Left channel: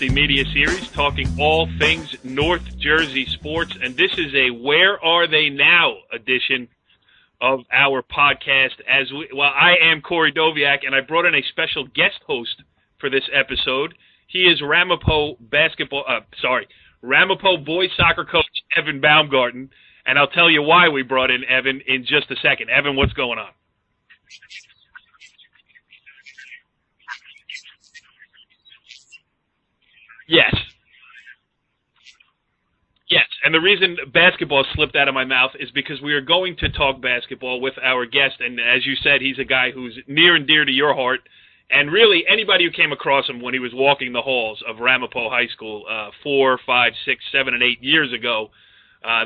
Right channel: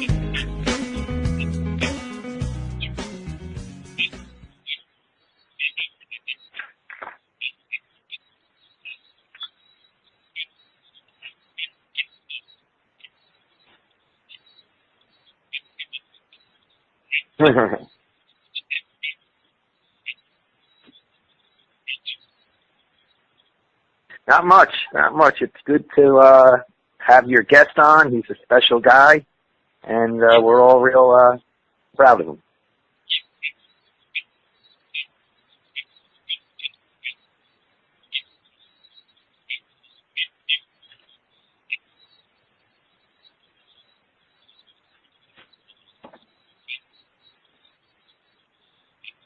JERSEY Media Series, talking all things North Jersey sports, and this is a Where Are They Now edition of our podcast. I am Corey Doviak, and I brought in a special guest host for this episode. He is Ramapo boys soccer coach Evan Baumgarten, and I'll tell you why we brought in Evan in just a second. Evan, what's going on? Not much. It's good to have your guest on. He's a special guy, and we're all real proud of him. Yes, and the reason basketball slipped out of my mouth is because we are going to talk basketball with our guest, and as you said, he's a guy who's near and dear to your heart, and really anybody who came across him when he was walking the halls of Ramapo High School 4, 5, 6, 7, and 8 years ago,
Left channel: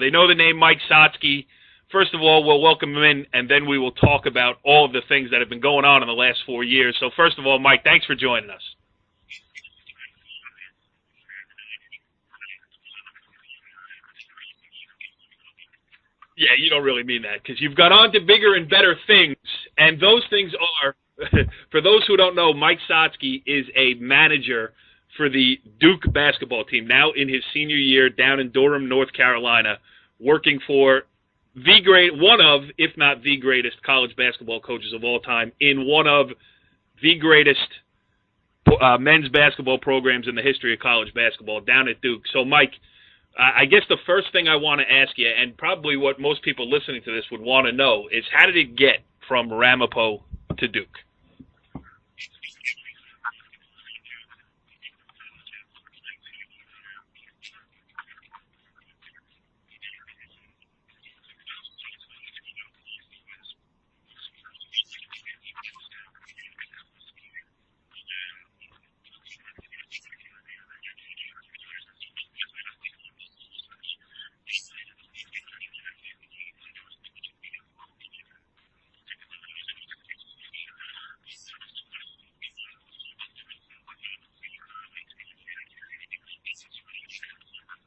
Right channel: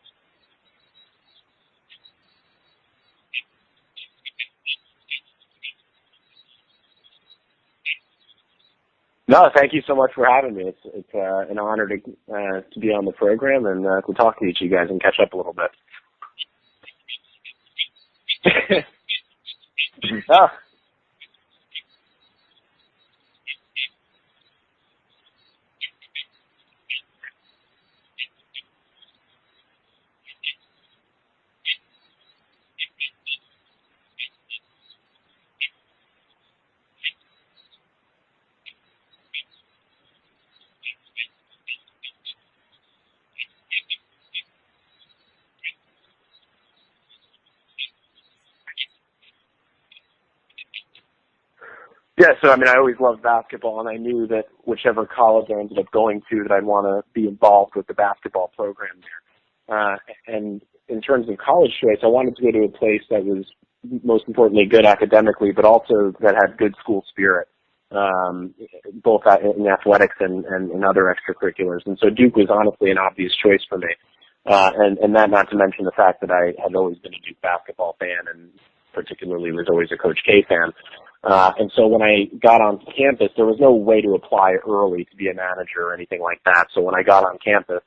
they know the name Mike Sotsky. First of all, we'll welcome him in, and then we will talk about all of the things that have been going on in the last 4 years. So first of all, Mike, thanks for joining us. No, thank you so much for having me. It's an honor to be on the program and to talk to each of you guys and catch up a little bit. Yeah, you don't really mean that because you've got on to bigger and better things, and those things are, for those who don't know, Mike Sotsky is a manager for the Duke basketball team, now in his senior year down in Durham, North Carolina, working for one of, if not the greatest college basketball coaches of all time in one of the greatest men's basketball programs in the history of college basketball down at Duke. So, Mike, I guess the first thing I want to ask you, and probably what most people listening to this would want to know, is how did it get from Ramapo to Duke? Yeah, so, I always loved basketball, and I knew that whichever college I ended up going to, that I'd want to be involved with the basketball program there. And in terms of college choice, I wanted to go to a place that was most importantly good academically, but also that had good school spirit, both in athletics and other extracurriculars. And so Duke was honestly an obvious choice for me. And that not to mention the fact that I had always been a Duke basketball fan and particularly was always a Coach K fan. And so when I got on campus, there was no way to apply early to be a manager or anything like that. So when I got on campus,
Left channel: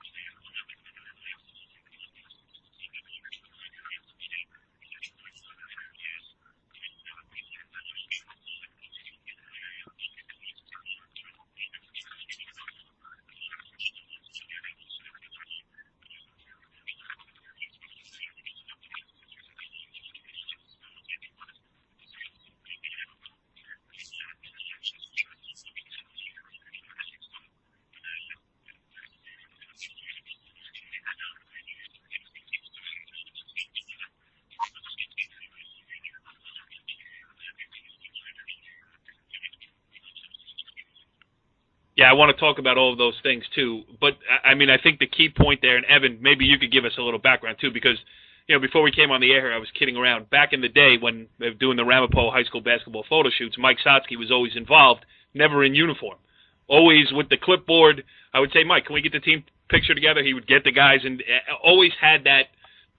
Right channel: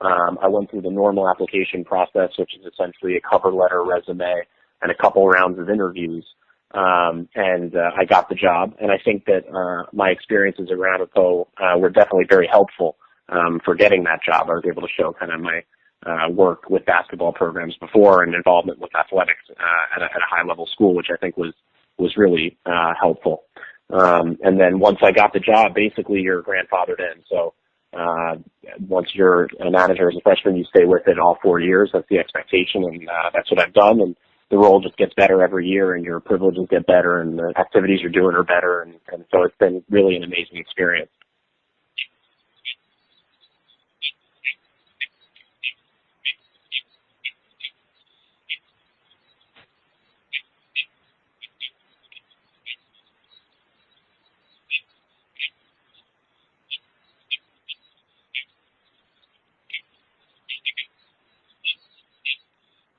I went through the normal application process, which is essentially a cover letter, resume, and a couple rounds of interviews. And I got the job. And I think that my experiences at Ramapo were definitely very helpful for getting that job. I was able to show kind of my work with basketball programs before and involvement with athletics at a high-level school, which I think was really helpful. And then once I got the job, basically you're grandfathered in. So once you're a manager as a freshman, you stay with it all 4 years. That's the expectation, and that's what I've done. And the role just gets better every year, and your privileges get better, and the activities you're doing are better. And so it's been really an amazing experience. Yeah, I want to talk about all of those things too. But, I think the key point there, and Evan, maybe you could give us a little background too, because before we came on the air here, I was kidding around. Back in the day when they were doing the Ramapo High School basketball photo shoots, Mike Sotsky was always involved, never in uniform. Always with the clipboard. I would say, Mike, can we get the team picture together? He would get the guys and always had that,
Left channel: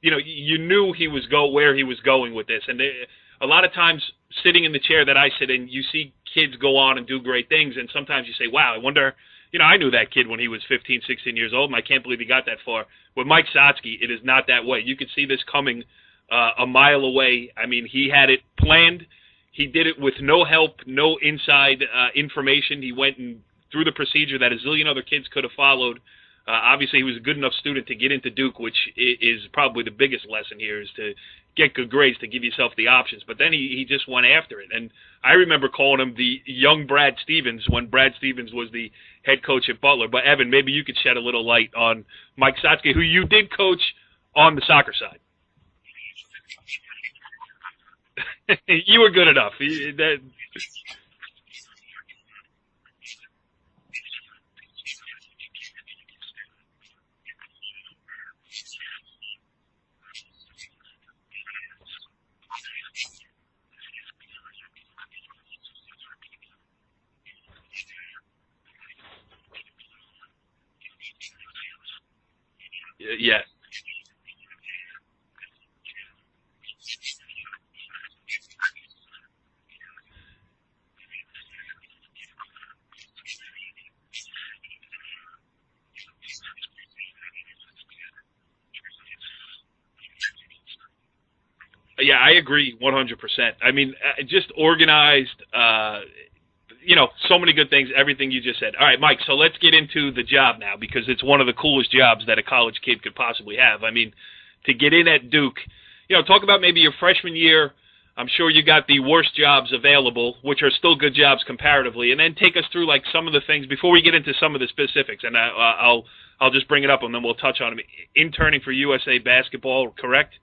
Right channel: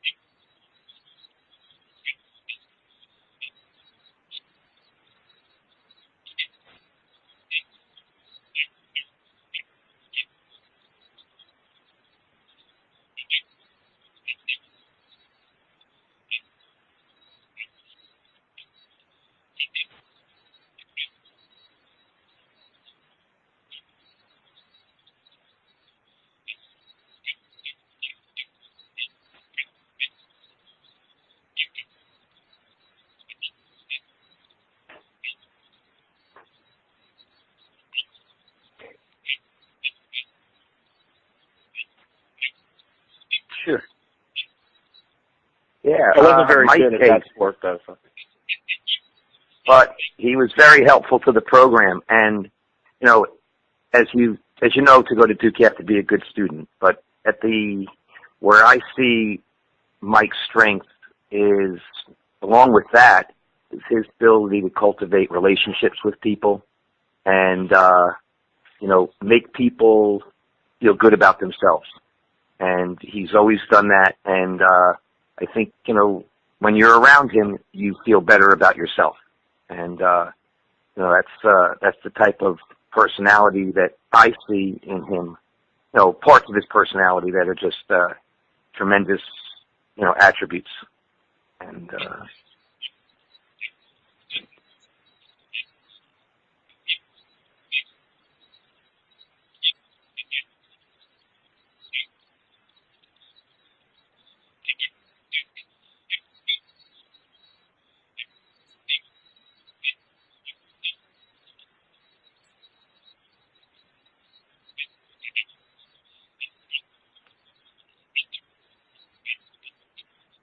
you knew he was where he was going with this. And a lot of times sitting in the chair that I sit in, you see kids go on and do great things. And sometimes you say, wow, I wonder, I knew that kid when he was 15, 16 years old, and I can't believe he got that far. With Mike Sotsky, it is not that way. You could see this coming a mile away. He had it planned. He did it with no help, no inside information. He went and through the procedure that a zillion other kids could have followed. Obviously, he was a good enough student to get into Duke, which is probably the biggest lesson here, is to get good grades, to give yourself the options. But then he just went after it. And I remember calling him the young Brad Stevens when Brad Stevens was the head coach at Butler. But, Evan, maybe you could shed a little light on Mike Sotsky, who you did coach on the soccer side. Yeah, I wasn't very good at that sport, though. So. You were good enough. But he was very helpful to the program. And, as you know, to go to Duke, you have to be a good student. But where I see Mike's strength is, along with that, is his ability to cultivate relationships with people and, make people feel good about themselves. And he's always done that. And I think, when you're around him, you feel better about yourself. And, that's the type of personality that I see in him, parts of his personality that are just tremendous, attributes. And I agree 100%. Just organized, so many good things, everything you just said. All right, Mike, so let's get into the job now, because it's one of the coolest jobs that a college kid could possibly have. I mean, to get in at Duke, talk about maybe your freshman year. I'm sure you got the worst jobs available, which are still good jobs comparatively, and then take us through like some of the things before we get into some of the specifics, and I'll just bring it up and then we'll touch on them. Interning for USA Basketball, correct?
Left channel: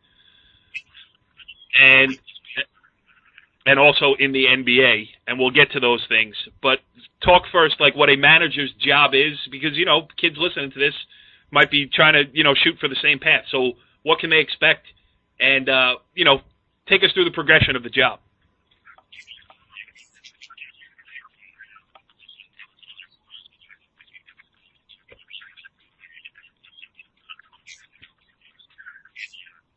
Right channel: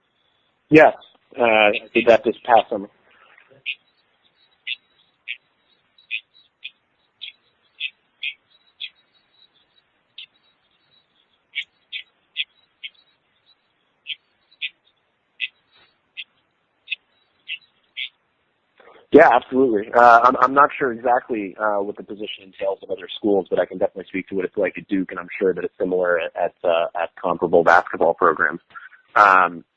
Yes, did that this past summer. And also in the NBA, and we'll get to those things. But talk first, like what a manager's job is, because, kids listening to this might be trying to, shoot for the same path. So what can they expect? And, take us through the progression of the job. Yeah, absolutely. I'm not sure exactly what the position entails at other schools, but I can definitely speak to what it's like at Duke, and I'm sure that it's similar at comparable basketball programs.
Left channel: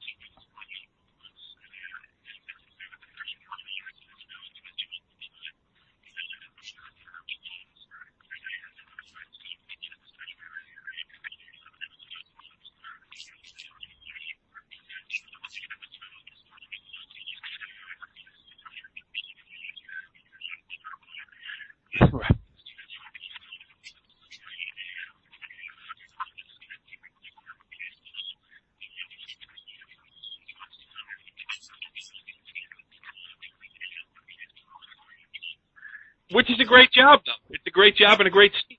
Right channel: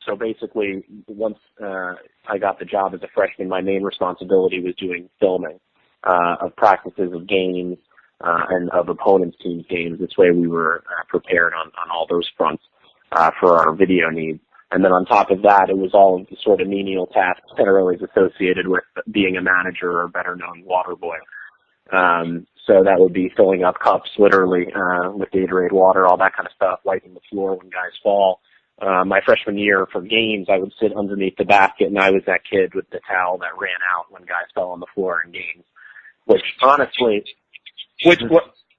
So basically, once I got the job as a freshman, my main responsibility was doing filming of practices, of games, and of opponents' teams' games. This way we were prepared on all those fronts for our video needs. And then on top of that, it was all of the sort of menial tasks that are always associated with being a manager, or better known, water boy. So that would be filling up cups, literally, with Gatorade water, all that kind of stuff, wiping the floor when guys fall. My freshman year for games, I would sit underneath the basket, and I was that kid with the towel that ran out when guys fell on the floor in games. Which is a great job, though. It's a great job and a great seat.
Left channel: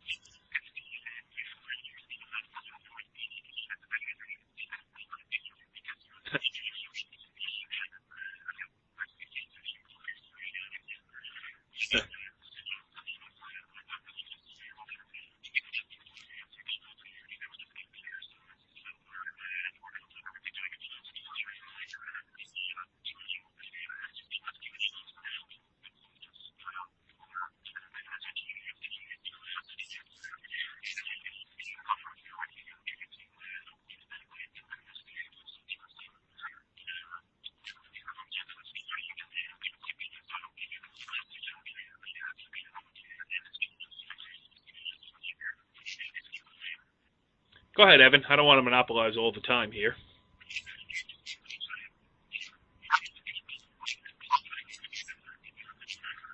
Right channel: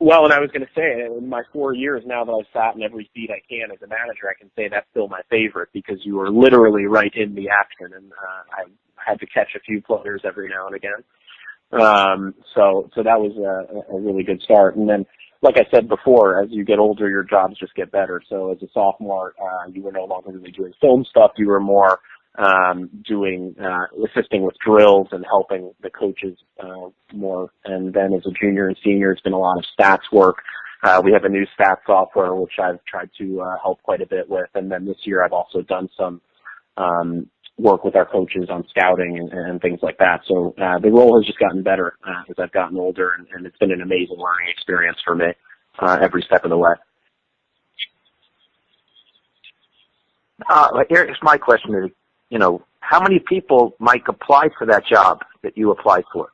Well, and I was going to say, in my 4 years now that I've sat in every seat I can as a manager, I can say that's still my favorite, because you were literally right in the action, and I had to catch a few players every now and again. So that was a really good start. And then, like I said before, as you get older, your jobs just get better. So as a sophomore, you were no longer really doing film stuff. You were more assisting with drills and helping the coaches more. And then as a junior and senior, it's been a lot of stats work. We have a new stats software, which I've tried to help quite a bit with. And then this year I've also done some work with our coaches on scouting and things like that. So the role has just gotten better as I've gotten older, and it's been an amazing learning experience for me every step of the way. Go ahead, Evan. I don't want to monopolize all the time here. Here's my question. How many people, Mike, applied for that job that you applied for?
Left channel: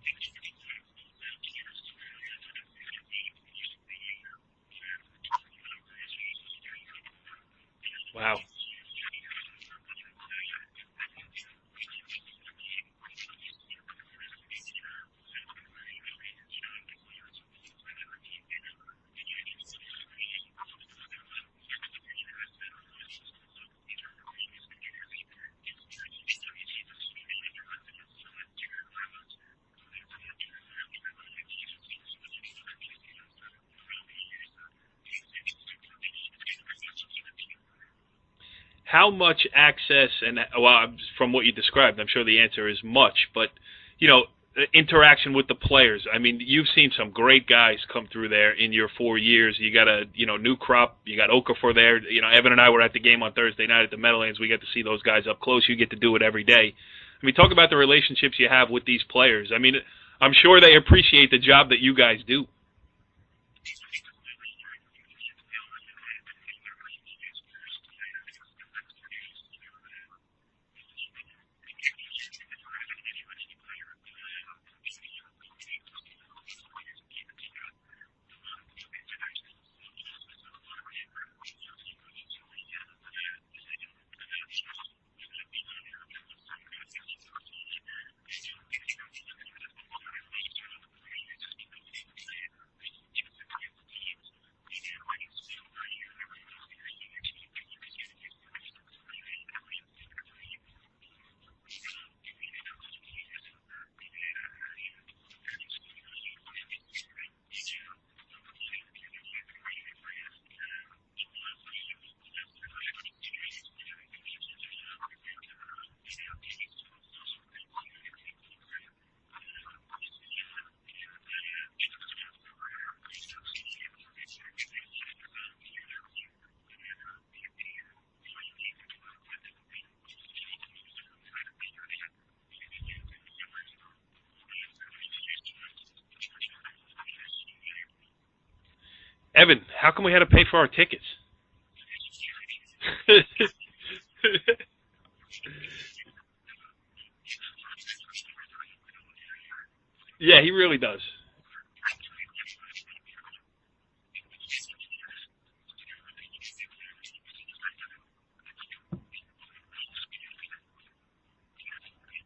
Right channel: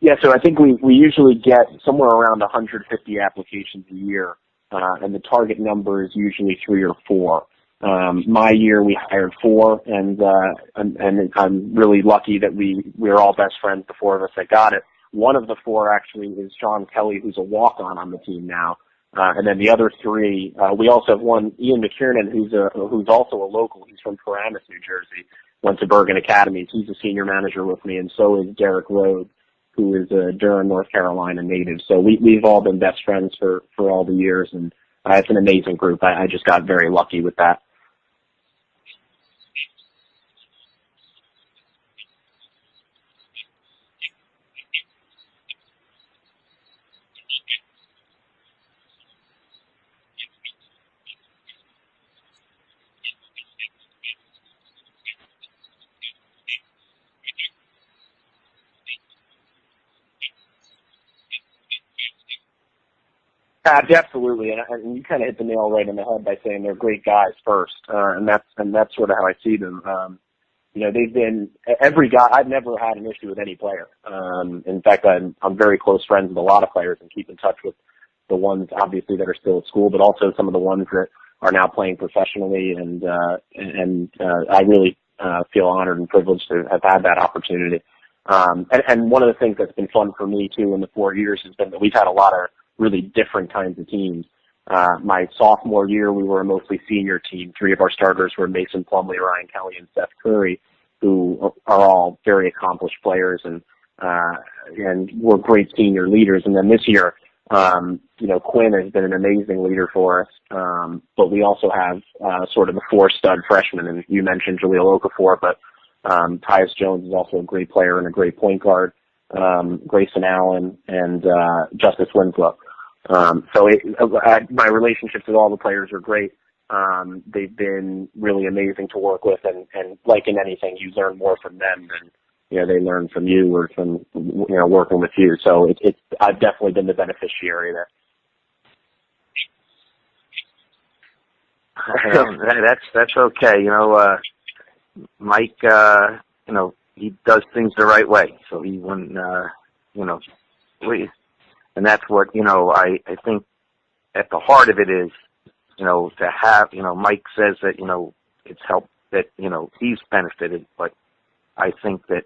Yeah, so I think we usually get somewhere around 150 applications a year, and the target number is usually 3 or 4. My year we hired 4, and I'm really lucky that we're all best friends, the 4 of us that got it. One of the 4 actually is Sean Kelly, who's a walk-on the team now. And then the other 3, we also have one, Ian McKiernan, who's also a local. He's from Paramus, New Jersey, went to Bergen Academies. He's a senior manager with me, and so is Derek Rhodes, who is a Durham, North Carolina native. So we've all been best friends for all the years, and it's an amazing group. I just got very lucky with that. How much access, and from what you described, I'm sure the answer is much, but, interaction with the players. I mean, you've seen some great guys come through there in your 4 years. You got a, new crop. You got Okafor there. Evan and I were at the game on Thursday night at the Meadowlands. We got to see those guys up close. You get to do it every day. I mean, talk about the relationships you have with these players. I mean, I'm sure they appreciate the job that you guys do. Absolutely, and you kind of hit the nail right in the head by saying they're great guys first, and that's sort of how I see them. They've been every guy. I've never had an issue with any player. In fact, I'm very close friends with a lot of players and keep in touch with the ones obviously that are still at school, but also some of the ones that are now playing professionally. And I really feel honored and privileged to have had that opportunity. And one of the things that's been fun for me too in the 4 years has been that we've had a lot of really different kinds of teams. My sophomore year, we were a mostly senior team. 3 of our starters were Mason Plumlee, Ryan Kelly, and Seth Curry, who are all very accomplished players and were great senior leaders. And then this year, Quinn has been an amazing leader for us. But we also have sort of the 4 stud freshmen, and you mentioned Jahlil Okafor, but Tyus Jones is also a great player and a great point guard. Grayson Allen and Justice Winslow. My relationships with all the players are great. They've been really amazing to work with, and like in anything, you learn more from them than they learn from you or from working with you. So I've definitely been the beneficiary there. Evan, how come we had to pay for our tickets? That's okay. Mike, he does things the right way. So he wouldn't, Yeah, he really does. And that's what, I think at the heart of it is, to have, Mike says that, it's helped that, he's benefited, but I think that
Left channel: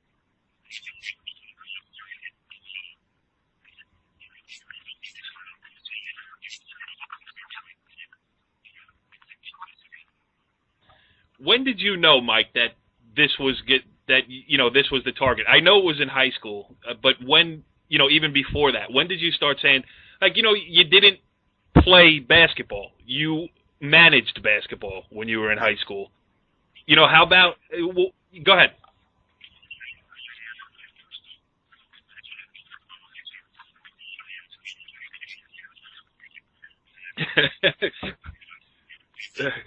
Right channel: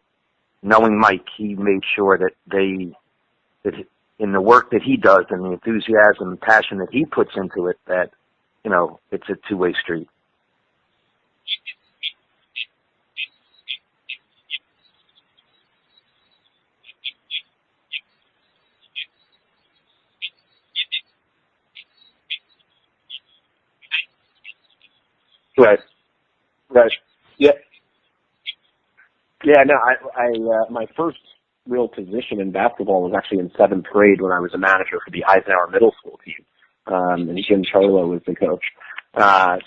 knowing Mike, he made sure that that in the work that he does and the enthusiasm and passion that he puts into it, that, it's a two-way street. When did you know, Mike, that this was this was the target? I know it was in high school, but when, even before that, when did you start saying, like, you didn't play basketball, you managed basketball when you were in high school. Right. How about? Yeah. Well, go ahead. Yeah, no, I my first real position in basketball was actually in 7th grade when I was a manager for the Eisenhower Middle School team. And Jim Charlo was the coach.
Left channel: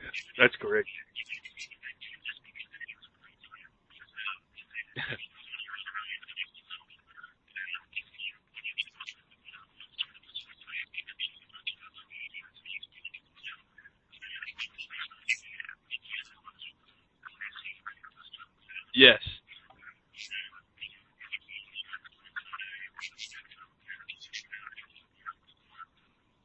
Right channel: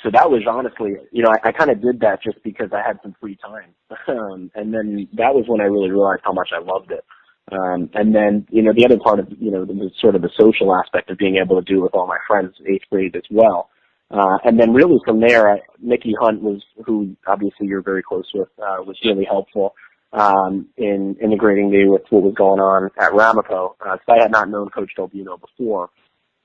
So that was honestly, I kind of did that just because I had some free time. And then that was when I really realized how much I loved it. And then, the other part of, the sort of the social aspect of being able to do it with all my friends in 8th grade as well. And then really from there, Mickey Hunt who obviously you're very close with, was Yes. really helpful in integrating me with what was going on at Ramapo. Because I had not known Coach Delbino before.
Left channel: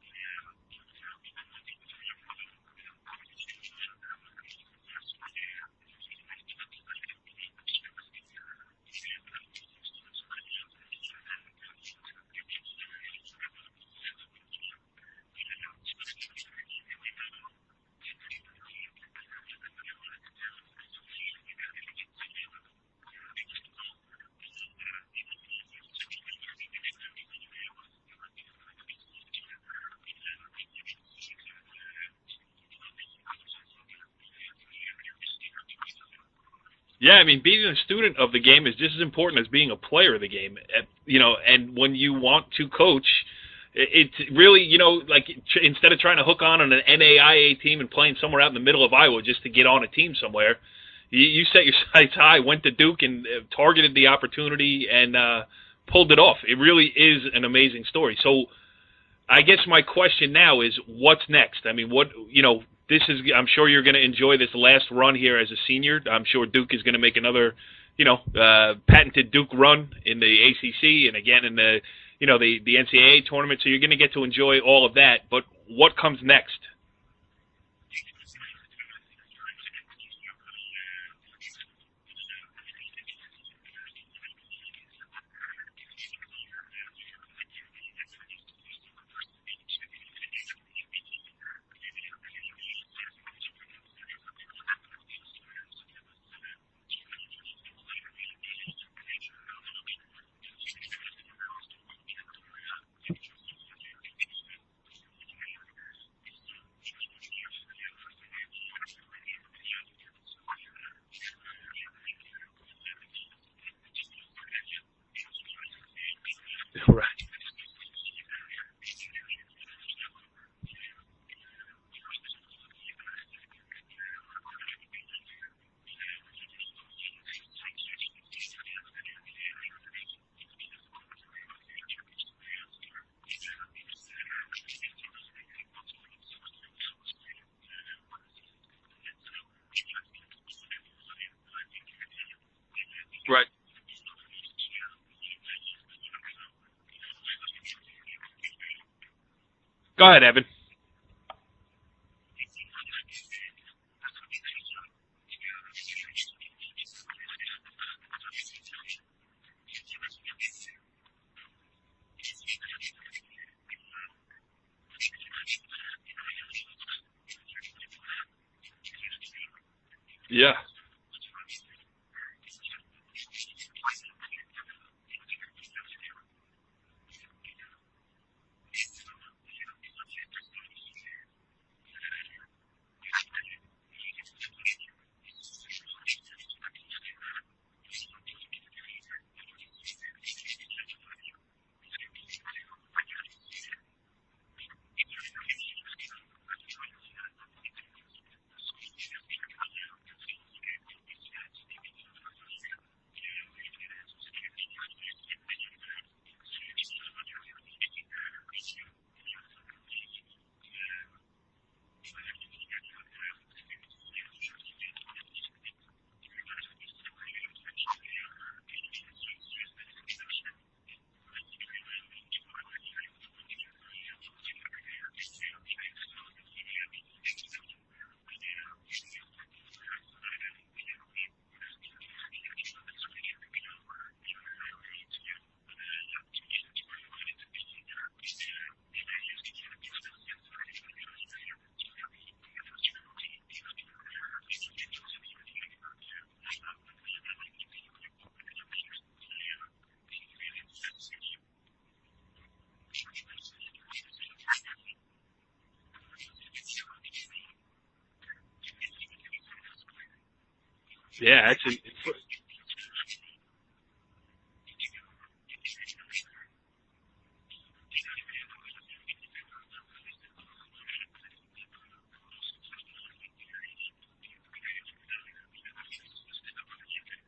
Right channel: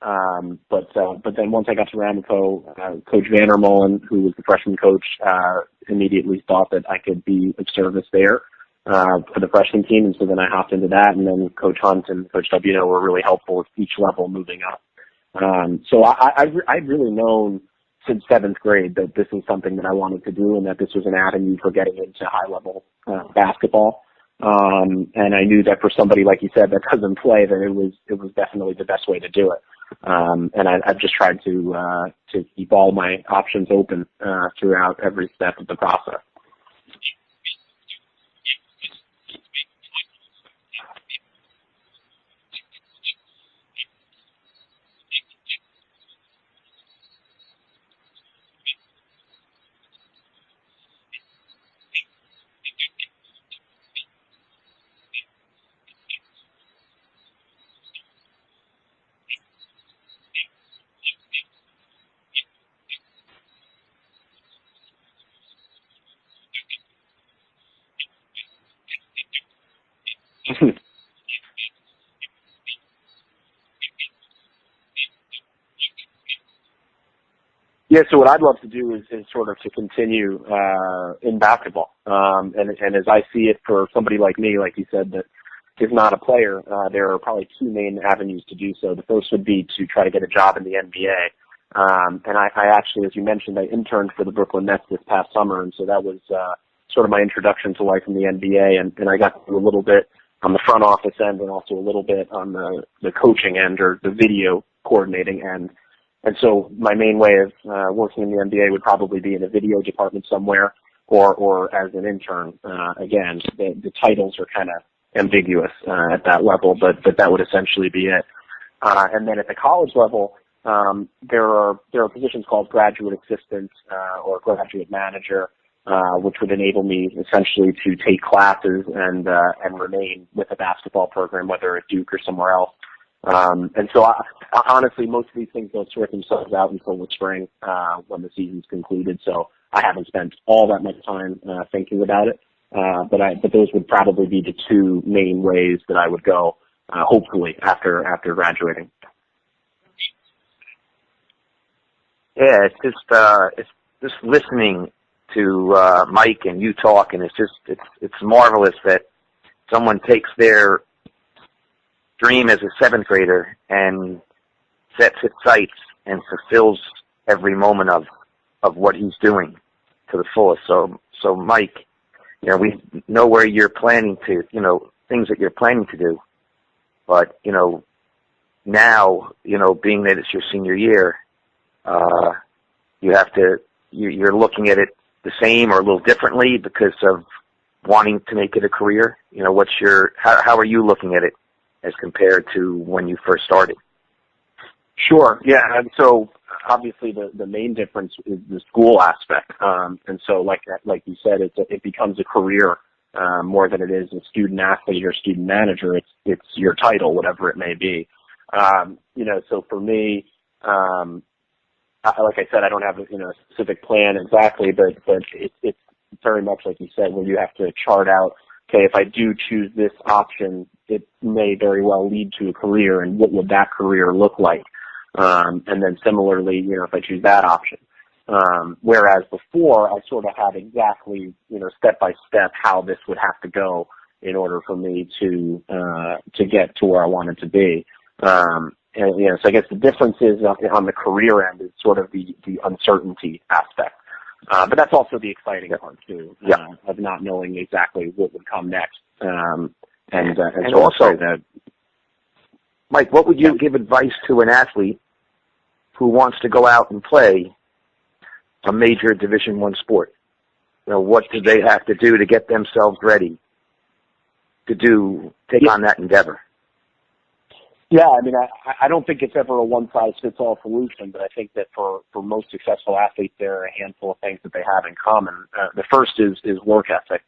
But then once I got to Ramapo, Coach Vandermolen, who was the freshman coach, immediately thought that I could be of service there for the freshman team. And so then I hopped into that. And then Coach Hunt and Coach Delbino were really helpful with each level moving up. So I've really known since 7th grade that this is something that I wanted to do and that this was an avenue for getting into high-level basketball. And I knew that for somebody, like you said, that doesn't play, that it was definitely the best way to do it. And I've just tried to keep all my options open throughout every step of the process. Yeah, I mean, being a student of the game is just as important as being a player of the game. And when you want to coach, it's really, like instead of trying to hook on an NAIA team and playing somewhere out in the middle of Iowa just to get on a team somewhere, you set your sights high, went to Duke and targeted the opportunity and pulled it off. It really is an amazing story. So I guess my question now is, what's next? I mean, this is, I'm sure you're going to enjoy this last run here as a senior. I'm sure Duke is going to make another, patented Duke run in the ACC and again in the NCAA tournament. So you're going to get to enjoy all of that. But what comes next? Yeah, so what I'd love to do is sort of to continue in basketball. And as I see it for somebody like me, like you said, that is not a player, there are probably two main avenues to do so. The first would be to try to get a job in the NBA. And I actually, as you mentioned, I interned for the Brooklyn Nets this past summer, and so that was sort of my introduction to life in the NBA, and I got to do a little bit on the front office end and also a little bit on the coaching end or the video coordinating end. And so my main way of working in the NBA would probably be in a video department somewhere or as an intern. Again, the titles are kind of ambiguous at that level, but that would essentially be it. And then at the college level, there are positions called graduate assistant or graduate manager, which would enable me essentially to take classes and remain with a basketball program, whether at Duke or somewhere else. And so I honestly, most of these things don't sort themselves out until the spring when the season's concluded. So I haven't spent all that much time thinking about it. But those would probably be the two main ways that I would go, hopefully after graduating. Go ahead, Evan. Yeah, it's just listening to Mike and you talk, and it's marvelous that someone takes their dream as a 7th grader and sets its sights and fulfills every moment of what he's doing to the fullest. Yeah. So Mike, we know where you're planning to, things that you're planning to do, but now, being that it's your senior year, you're looking at it the same or a little differently because of wanting to make it a career. How are you looking at it as compared to when you first started? Sure. Yeah. And so obviously the main difference is the school aspect. And so like you said, it becomes a career more than it is a student athlete or student manager. It's your title, whatever it may be. So for me, like I said, I don't have a specific plan exactly, but it's very much like you said, where you have to chart out okay, if I do choose this option, it may very well lead to a career, and what would that career look like? And then similarly, if I choose that option. Whereas before, I sort of had exactly, step by step how this would have to go in order for me to get to where I wanted to be. So I guess the difference is on the career end is sort of the uncertainty aspect. But that's also the exciting part too, of not knowing exactly what would come next. And also, Mike, what would you give advice to an athlete who wants to go out and play a major Division I sport? What do they have to do to get themselves ready to take on that endeavor? Yeah, I mean, I don't think it's ever a one-size-fits-all solution, but I think that for most successful athletes, there are a handful of things that they have in common. The first is work ethic.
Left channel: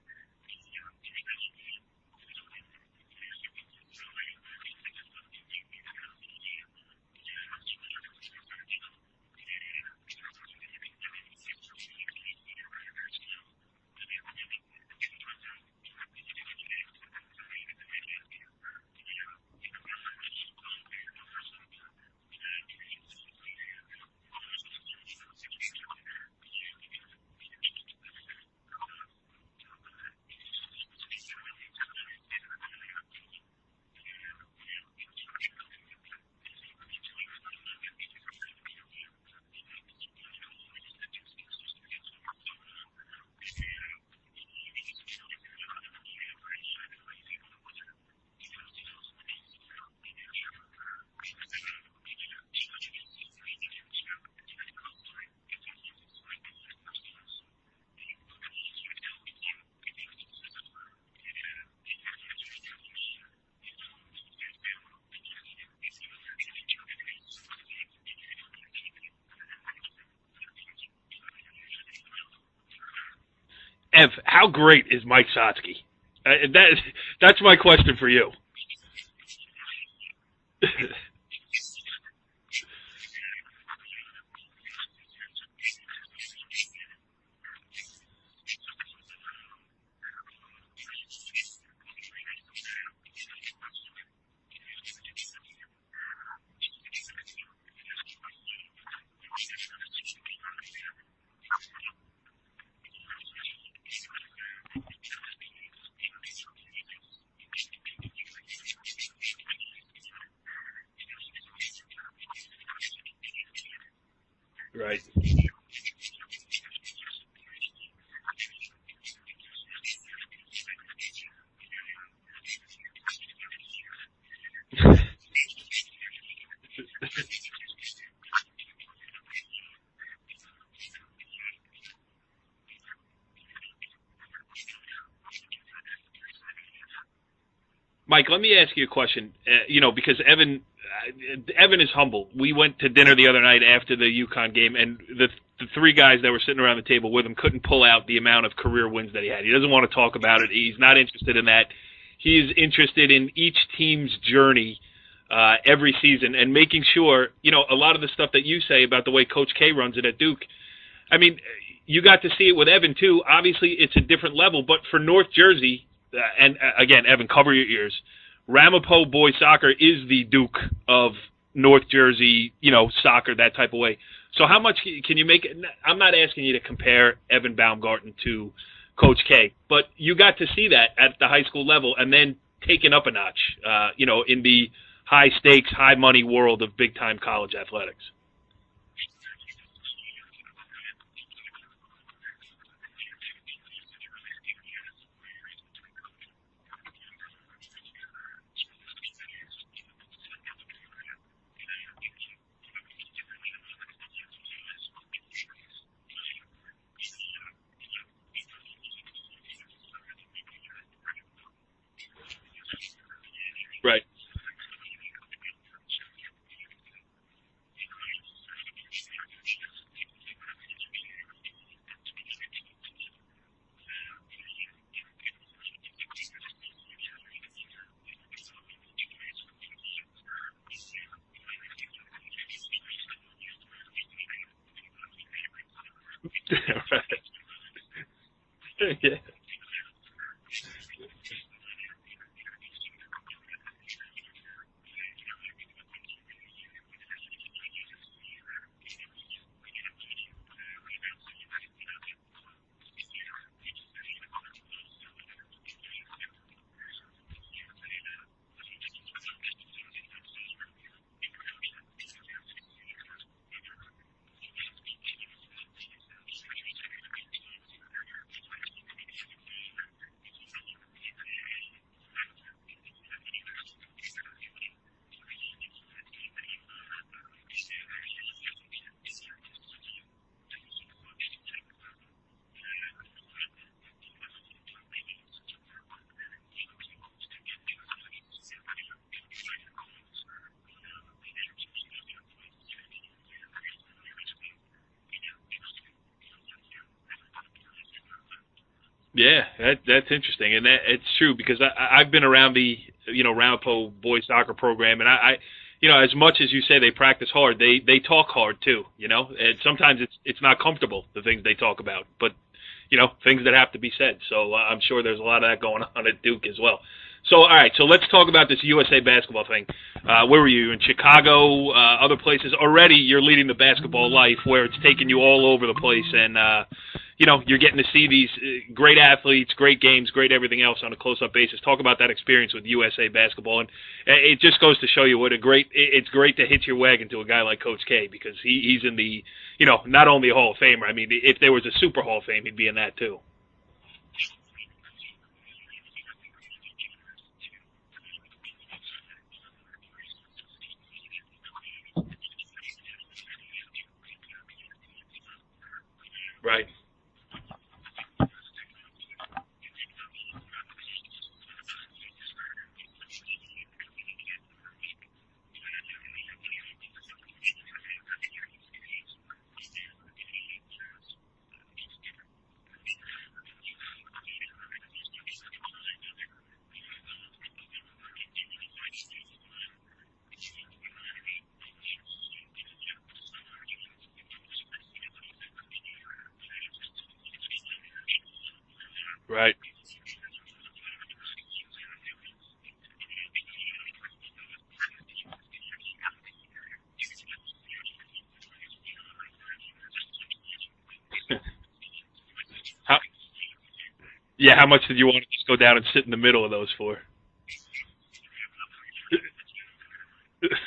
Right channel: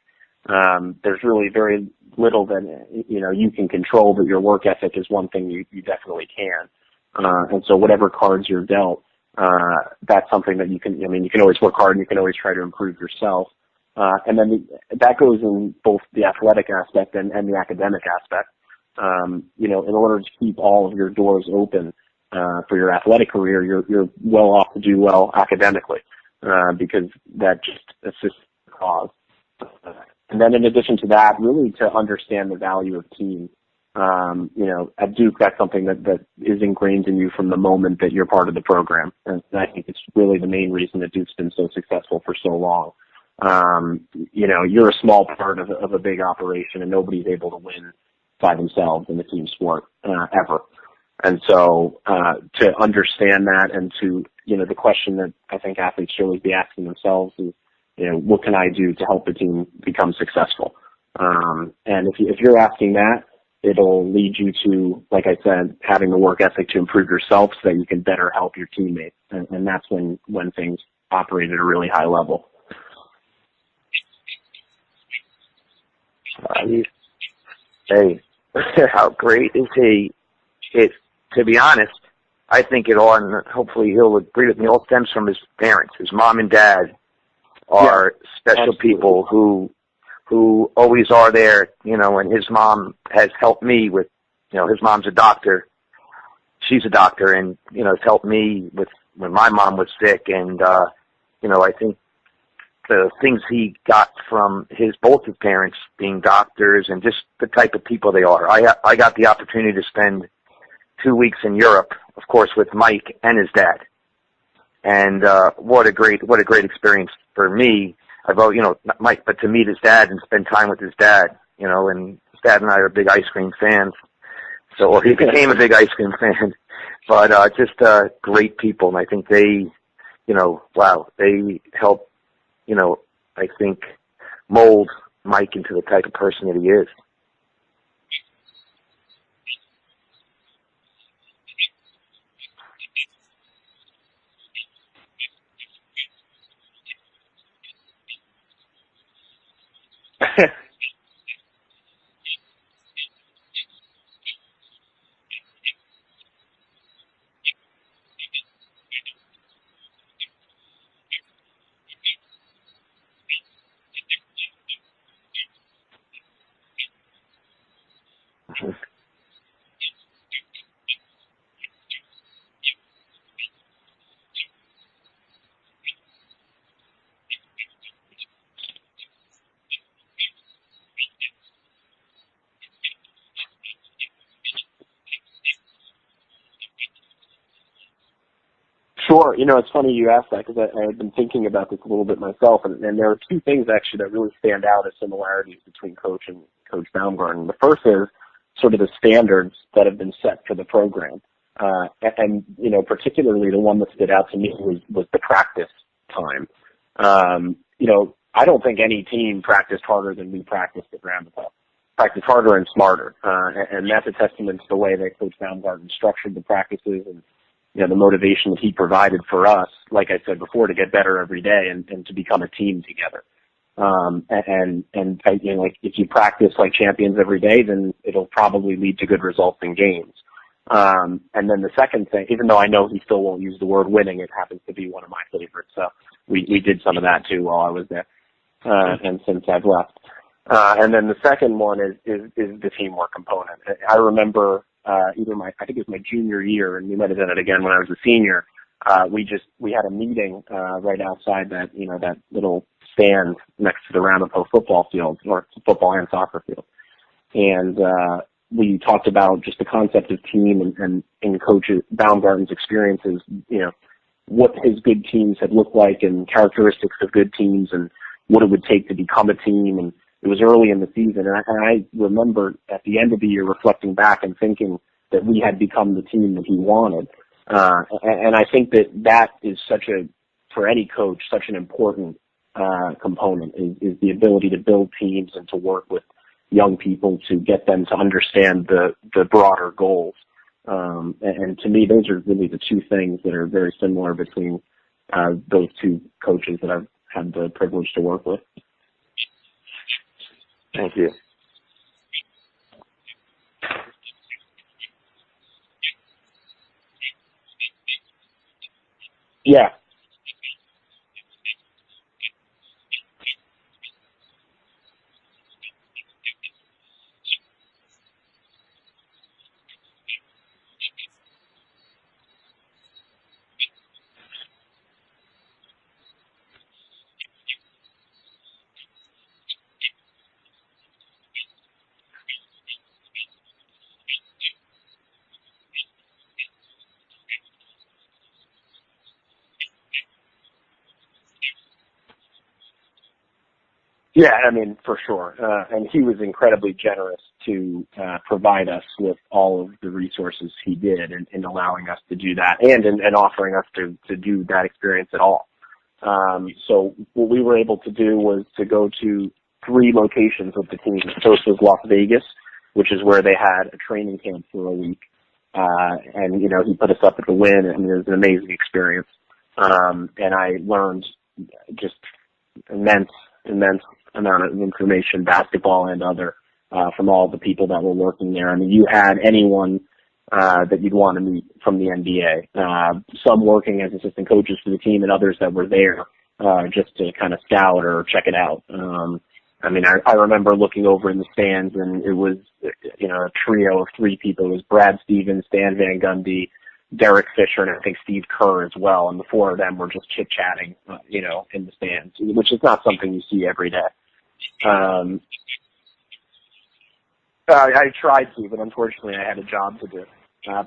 There's really very little that, you can control, but your work ethic is one thing you definitely can. And so whatever cards you're dealt, that's something that you can always work hard and you can always try to improve yourself. And then that goes in both the athletic aspect and the academic aspect. In order to keep all of your doors open for your athletic career, you're well off to do well academically because that just assists the cause. And then in addition to that, really to understand the value of team. At Duke, that's something that is ingrained in you from the moment that you're part of the program. And I think it's really the main reason that Duke's been so successful for so long. You're a small part of a big operation, and nobody's able to win by themselves in the team sport ever. And so to understand that and to, the question that I think athletes should always be asking themselves is, what can I do to help the team become successful? And if you're asking that, it'll lead you to, like I said, having the work ethic to improve yourself so that you can better help your teammates. And that's when things operate at a really high level. Ev, how great is Mike Sotsky? That's my question for you. How great is he? To be honest, I think it all, and hopefully he'll agree with me, all stems from his parents. His mom and dad are special absolutely. People who always are there, and his mom has helped me with, his mom's a doctor. She's a doctor and, has helped me with when my mom was sick. And, I think the things he got from both his parents being doctors and just the type of people they are. I got the opportunity to spend 2 weeks in Europe, of course, with Mike and his dad. Right. And what a great experience for me. Not Mike, but to meet his dad and spend time with his dad, and his dad and I are big ice cream fans. So he became a big ice cream fan. But just great people, and I think they help, I think, mold Mike into the type of person that he is. Mike, let me ask you a question, because Evan is humble. We went to dinner the other night after the UConn game, and the three guys that were sitting around the table with him couldn't pull out the amount of career wins that he had. He doesn't want to talk about it. He's not interested in that. He's interested in each team's journey every season and making sure, a lot of the stuff that you say about the way Coach K runs it at Duke. I mean, you got to see it with Evan, too. Obviously, it's a different level, but for North Jersey, and again, Evan, cover your ears, Ramapo boys soccer is the Duke of North Jersey, soccer, that type of way. So how much can you make it? I'm not asking you to compare Evan Baumgarten to Coach K, but you got to see that at the high school level and then taken up a notch, in the high-stakes, high-money world of big-time college athletics. Sure. It's funny you asked that because I had been thinking about this a little bit myself, and there are two things actually that really stand out as similarities between Coach and Coach Baumgarten. The first is sort of the standards that have been set for the program. And particularly the one that stood out to me was the practice time. I don't think any team practiced harder than we practiced at Ramapo. Practiced harder and smarter. And that's a testament to the way that Coach Baumgarten structured the practices and, the motivation that he provided for us, like I said before, to get better every day and to become a team together. If you practice like champions every day, then it'll probably lead to good results in games. And then the second thing, even though I know he still won't use the word winning, it happens to be one of my favorites. So we did some of that too while I was there, and since I've left. And then the second one is the teamwork component. I remember I think it was my junior year, and we might have done it again when I was a senior. We had a meeting right outside that that little stand next to the Ramapo football field, or football and soccer field, and we talked about just the concept of team and Coach Baumgarten's experiences. What his good teams had looked like and characteristics of good teams and what it would take to become a team. And it was early in the season. And I remember at the end of the year reflecting back and thinking that we had become the team that he wanted. And I think that is for any coach, such an important component is the ability to build teams and to work with young people to get them to understand the broader goals. And to me, those are really the two things that are very similar between those two coaches that I've had the privilege to work with. Yeah, that's interesting, and it's true because I've been around the Ramapo boys soccer program, and I as much as you say they practice hard, they talk hard too, and sometimes it's not comfortable, the things they talk about, but things that have to be said. So I'm sure there's a lot of that going on at Duke as well. So, all right, so let's talk about this USA basketball thing. Where were you? In Chicago, other places? Already you're leading the basketball life where it's taking you all over the place, and, you're getting to see these great athletes, great games, great everything else on a close-up basis. Talk about that experience with USA basketball, and it just goes to show you it's great to hitch your wagon to a guy like Coach K, because he's in the, not only a Hall of Famer. I mean, if there was a Super Hall of Fame, he'd be in that too. Yeah, I mean, for sure. And he was incredibly generous to provide us with all of the resources he did in allowing us to do that and in offering us to do that experience at all. Right. So what we were able to do was to go to 3 locations with the team. The first was Las Vegas, which is where they had a training camp for a week. And, he put us up at the Wynn. I mean, it was an amazing experience. And I learned just immense amount of information, basketball and other, from all the people that were working there. I mean, you had anyone that you'd want to meet from the NBA, some working as assistant coaches for the team and others that were there just to kind of scout or check it out. Right. I mean, I remember looking over in the stands, and it was, a trio of 3 people. It was Brad Stevens, Dan Van Gundy, Derek Fisher, and I think Steve Kerr as well, and the 4 of them were just chit-chatting, in the stands, which is not something you see every day. Yeah, how much did you want to just go down and sit in the middle of those 4? I tried to, but unfortunately I had a job to do.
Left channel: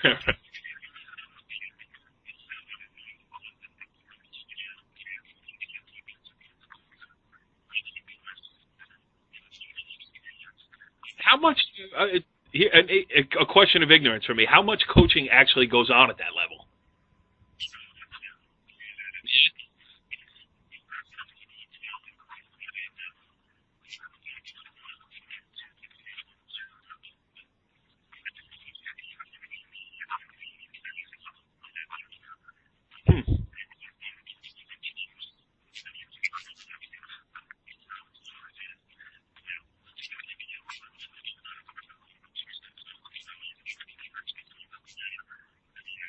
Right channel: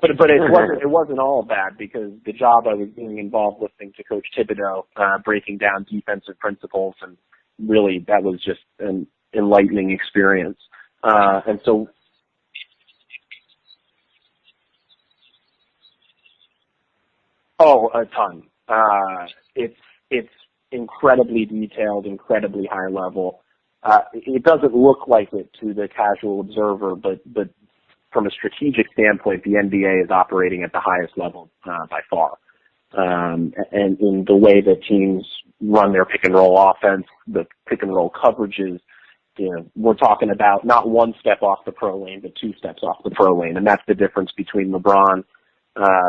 But it wasn't all bad, because the job I was doing involved listening to Coach Thibodeau breaking down defensive principles, and really that was just an enlightening experience. How much? And so, a question of ignorance for me. How much coaching actually goes on at that level? Oh, a ton. It's incredibly detailed, incredibly high level. It doesn't look like it to the casual observer, but from a strategic standpoint, the NBA is operating at the highest level by far. And in the way that teams run their pick and roll offense, the pick and roll coverages, we're talking about not 1 step off the pro lane, but 2 steps off the pro lane. And that's the difference between LeBron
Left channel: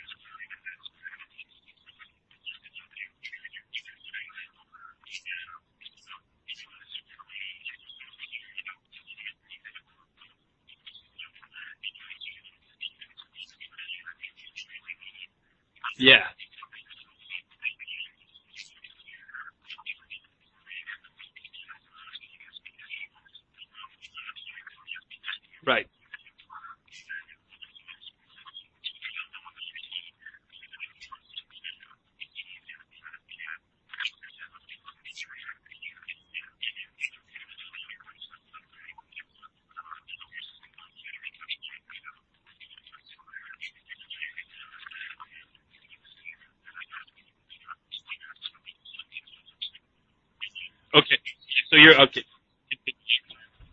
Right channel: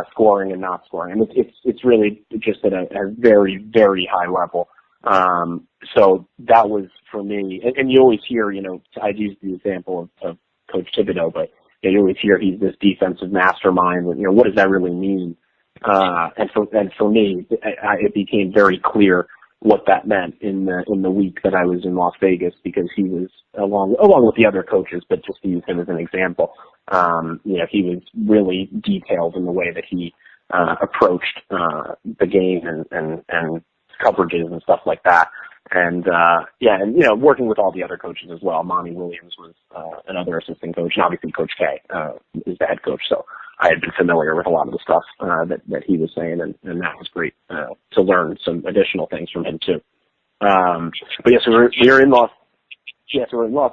scoring and not scoring. I mean, it's really just at a very, very high level. So that was for me, and you always hear, I'd use the example of Coach Thibodeau, but you always hear he's this defensive mastermind, and what does that really mean? And for me, it became very clear what that meant in the week that I was in Las Vegas, because he was along with the other coaches, but just to use him as an example, he was really detailed in the way that he approached the game and coverages and stuff like that. And working with all the other coaches as well. Monty Williams was another assistant coach, and obviously Coach K is the head coach. So I had been familiar with a lot of the stuff that he was saying, and that was great to learn some additional things from him too. Okay. But so we're in Las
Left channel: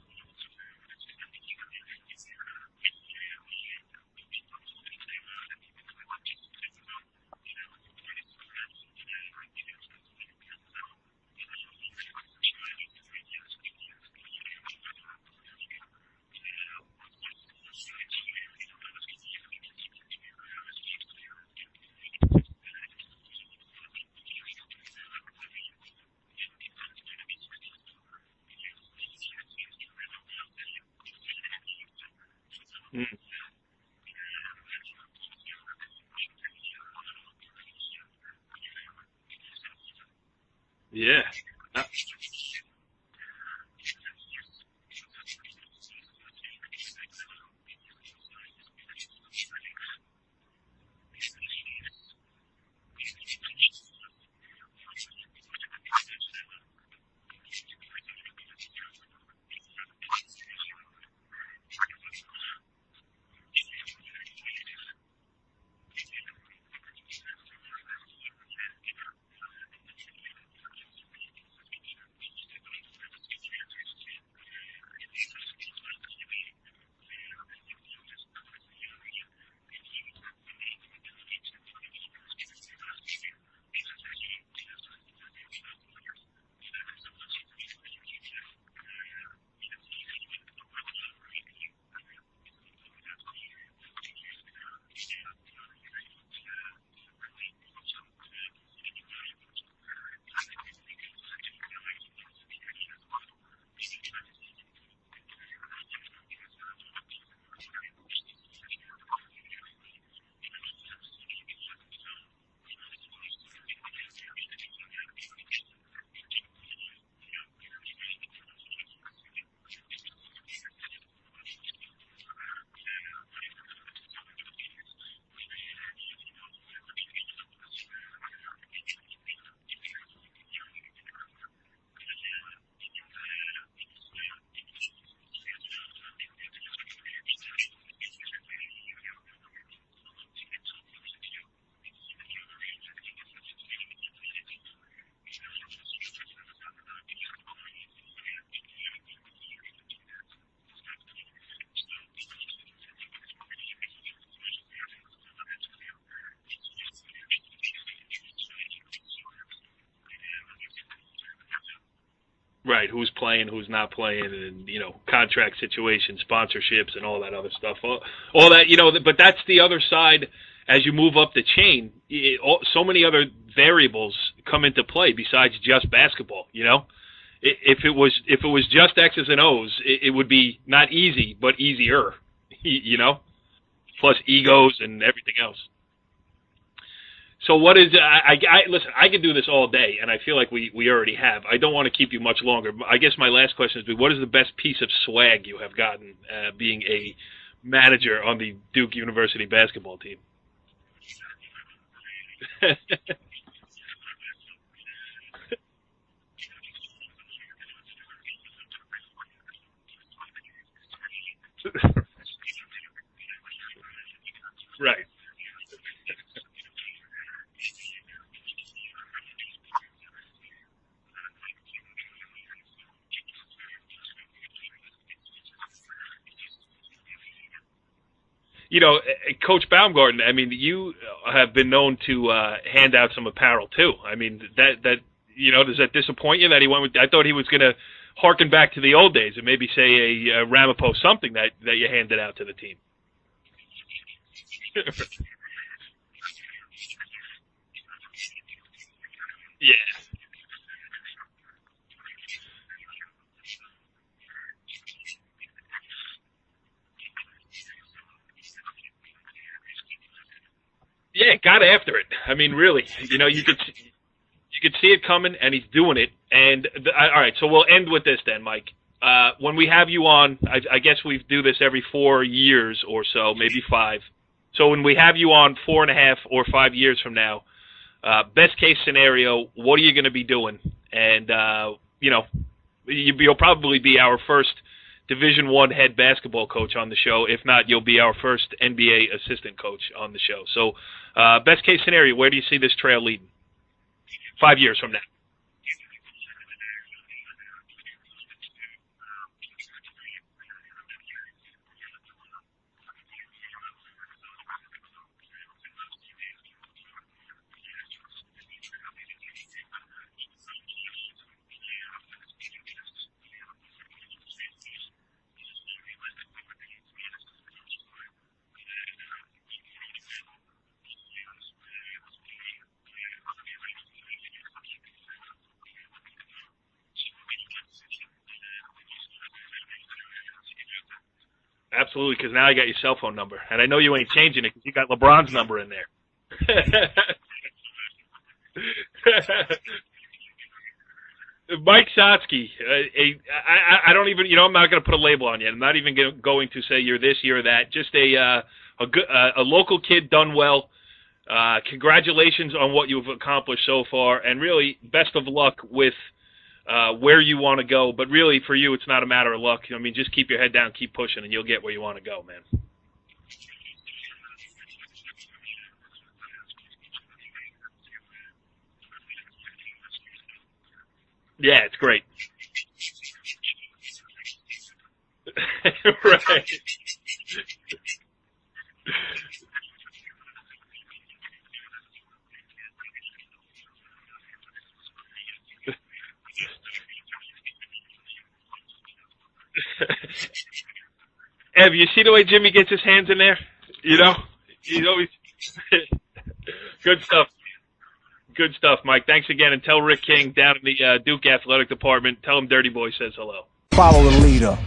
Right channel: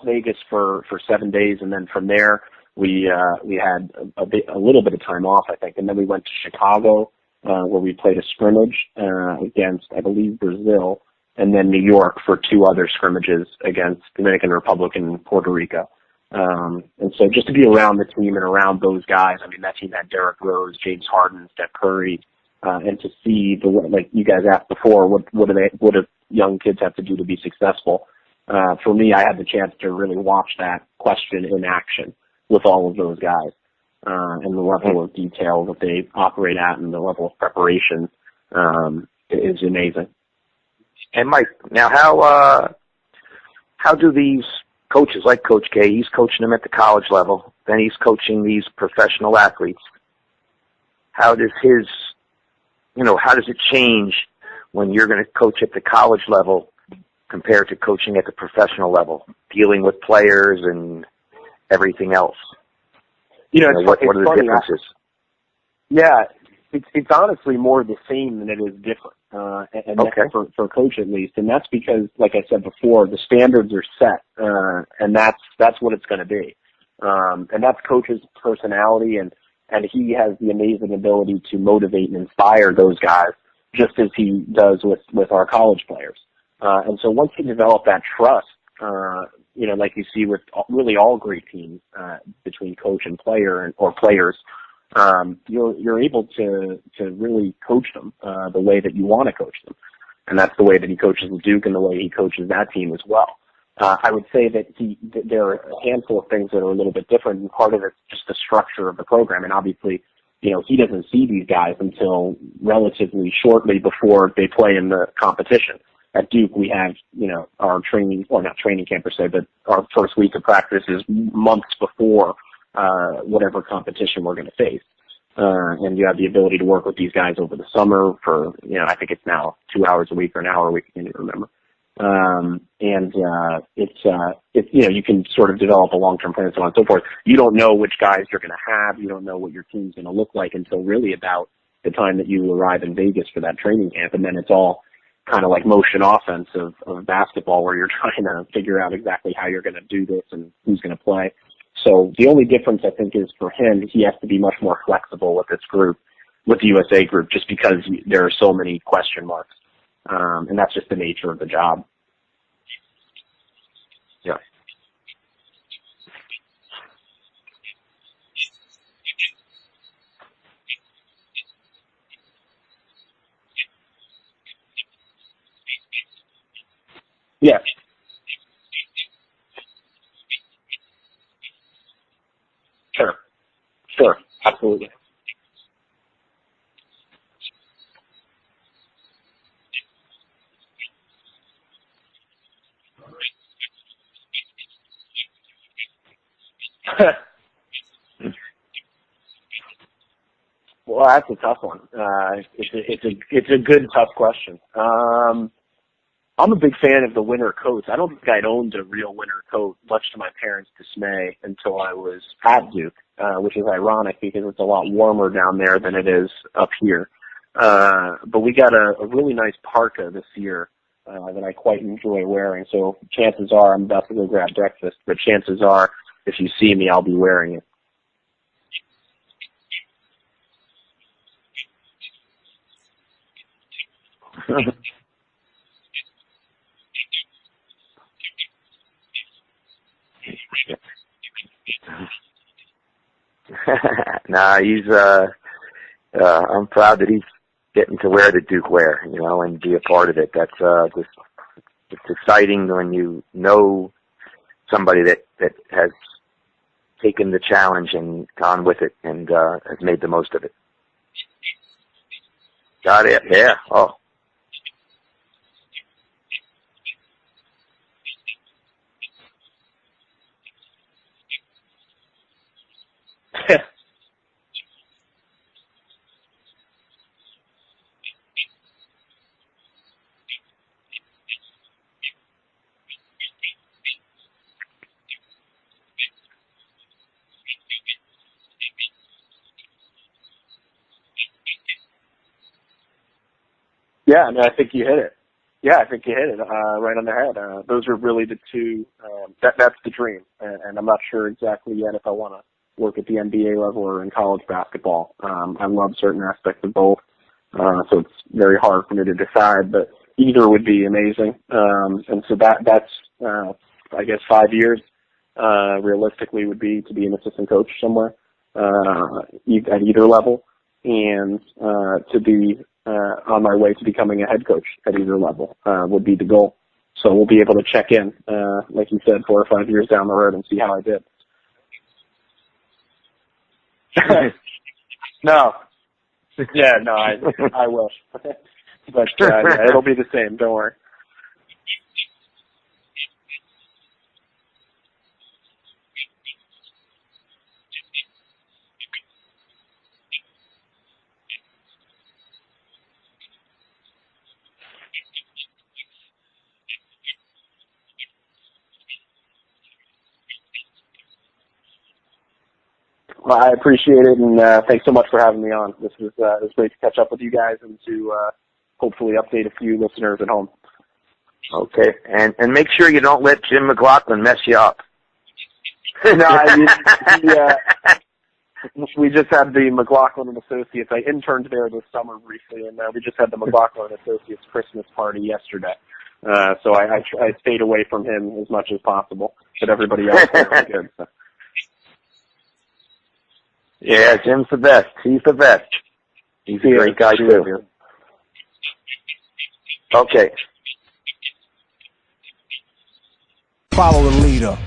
Vegas for 7 days, and then from there we had a little bit of time off, I think, and then we went to Chicago where we played a scrimmage against, I believe, Brazil, and then New York for 2 other scrimmages against Dominican Republic and Puerto Rico. And so just to be around the team and around those guys, I mean, that team had Derrick Rose, James Harden, Steph Curry, and to see like you guys asked before, what do young kids have to do to be successful? for me, I had the chance to really watch that question in action with all of those guys, and the level of detail that they operate at and the level of preparation is amazing. Yeah. And Mike, now how do these coaches, like Coach K, he's coaching them at the college level, then he's coaching these professional athletes. How does how does it change when you're going to coach at the college level compared to coaching at the professional level, dealing with players and everything else? What are the differences? It's honestly more the same than it is different, and okay. for a coach at least, and that's because, like I said before, the standards are set, and that's what it's going to be, and that's coach's personality, and he has the amazing ability to motivate and inspire those guys, just as he does with our college players, and so once you develop that trust, like you see with really all great teams, between coach and player or players. You're able to really coach them the way that you want to coach them, and that's the way that he coaches at Duke and the way he coaches that team as well. I would say that there are a handful of things that are a little bit different, and part of it's just the structure of the program. And obviously, he doesn't see these guys until relatively shortly before they play in the competition. At Duke, we have our training, or not training camp per se, but our first week of practice is months before whatever competition we're going to face. And you have the ability to work with these guys over the summer for, I think it's now 2 hours a week or an hour a week, I can't even remember. You can sort of develop a long-term plan and so on and so forth. You don't know which guys you're going to have. You don't know what your team's going to look like until really about the time that you arrive in Vegas for that training camp. And then it's all kind of like motion offense of basketball, where you're trying to figure out exactly how you're going to do this and who's going to play. So the only difference, I think, is for him, he has to be much more flexible with this group, with the USA group, just because there are so many question marks. And that's just the nature of the job. Right, who's playing, who's not playing, yeah. And, contract situations, sponsorships, and all that other stuff. All that, but that's the other side. As you move up the chain, so many other variables come into play besides just basketball, Yeah. If it was just X's and O's, it would be not easy, but easier, Sure. Plus egos Absolutely. and everything else. So what is listen, I could do this all day, and I feel like we already have. I don't want to keep you much longer. I guess my last question is, what is the best piece of swag you have gotten being a manager on the Duke University basketball team? Well, that's a tough one. It's a good, tough question. I'm a big fan of the winter coats. I don't think I'd owned a real winter coat, much to my parents' dismay, until I was at Duke, which is ironic because it's a lot warmer down there than it is up here. But we got a really nice parka this year that I quite enjoy wearing. So chances are I'm about to go grab breakfast, but chances are if you see me, I'll be wearing it. Coach Baumgarten, you have been known to hand out some apparel too. That does that disappoint you that he went with? I thought he was going to harken back to the old days and maybe say a Ramapo something that you handed out to the team. Nah, he's. I'm proud that he's getting to wear the Duke wear, and be a part of it. That's it's exciting when you know somebody that has taken the challenge and gone with it and has made the most of it. Yeah, got after it. Really. Got it. You could see it coming, and he's doing it. And all right, so we'll end with this then, Mike. When we have you on, I guess we do this every 4 years or so, maybe 5. So when we have you on 4.5 or 5 years from now, best case scenario, what are you going to be doing? And you'll probably be our first Division I head basketball coach on the show. If not, you'll be our first NBA assistant coach on the show. So best case scenario, where do you see this trail leading? Yeah, 5 years. You hit it. Yeah, I think you hit it right on the head. Those are really the two. That's the dream, and I'm not sure exactly yet if I want to work at the NBA level or in college basketball. I love certain aspects of both, so it's very hard for me to decide. But either would be amazing, and so that's I guess 5 years realistically would be to be an assistant coach somewhere at either level, and to be on my way to becoming a head coach at either level would be the goal. So we'll be able to check in, like you said, 4 or 5 years down the road and see how I did. Absolutely, because now I got your cell phone number, and I know you ain't changing it because you got LeBron's number in there. Yeah, no, I wish, but yeah, it'll be the same. Don't worry. Mike Sotsky, I don't even, I'm not going to put a label on you. I'm not even going to say you're this, you're that. Just a local kid done well. Congratulations on what you've accomplished so far, and really best of luck with where you want to go. But really, for you, it's not a matter of luck. Just keep your head down, keep pushing, and you'll get where you want to go, man. Well, I appreciate it, and thanks so much for having me on. This was it was great to catch up with you guys and to hopefully update a few listeners at home. Yeah, okay. It's great. And make sure you don't let Jim McLaughlin mess you up. We just had the McLaughlin and Associates. I interned there this summer briefly, and we just had the McLaughlin and Associates Christmas party yesterday. So I stayed away from him as much as possible, but everybody else was good. So. Ev, you see the way Jimmy gets his hands in there? Yeah, Jim's the best. He's the best. He's a great guy, too. Good stuff, Mike. Thanks again. And tell Rick King down in the Duke Athletic Department, tell him Dirty Boy says hello. Follow the leader.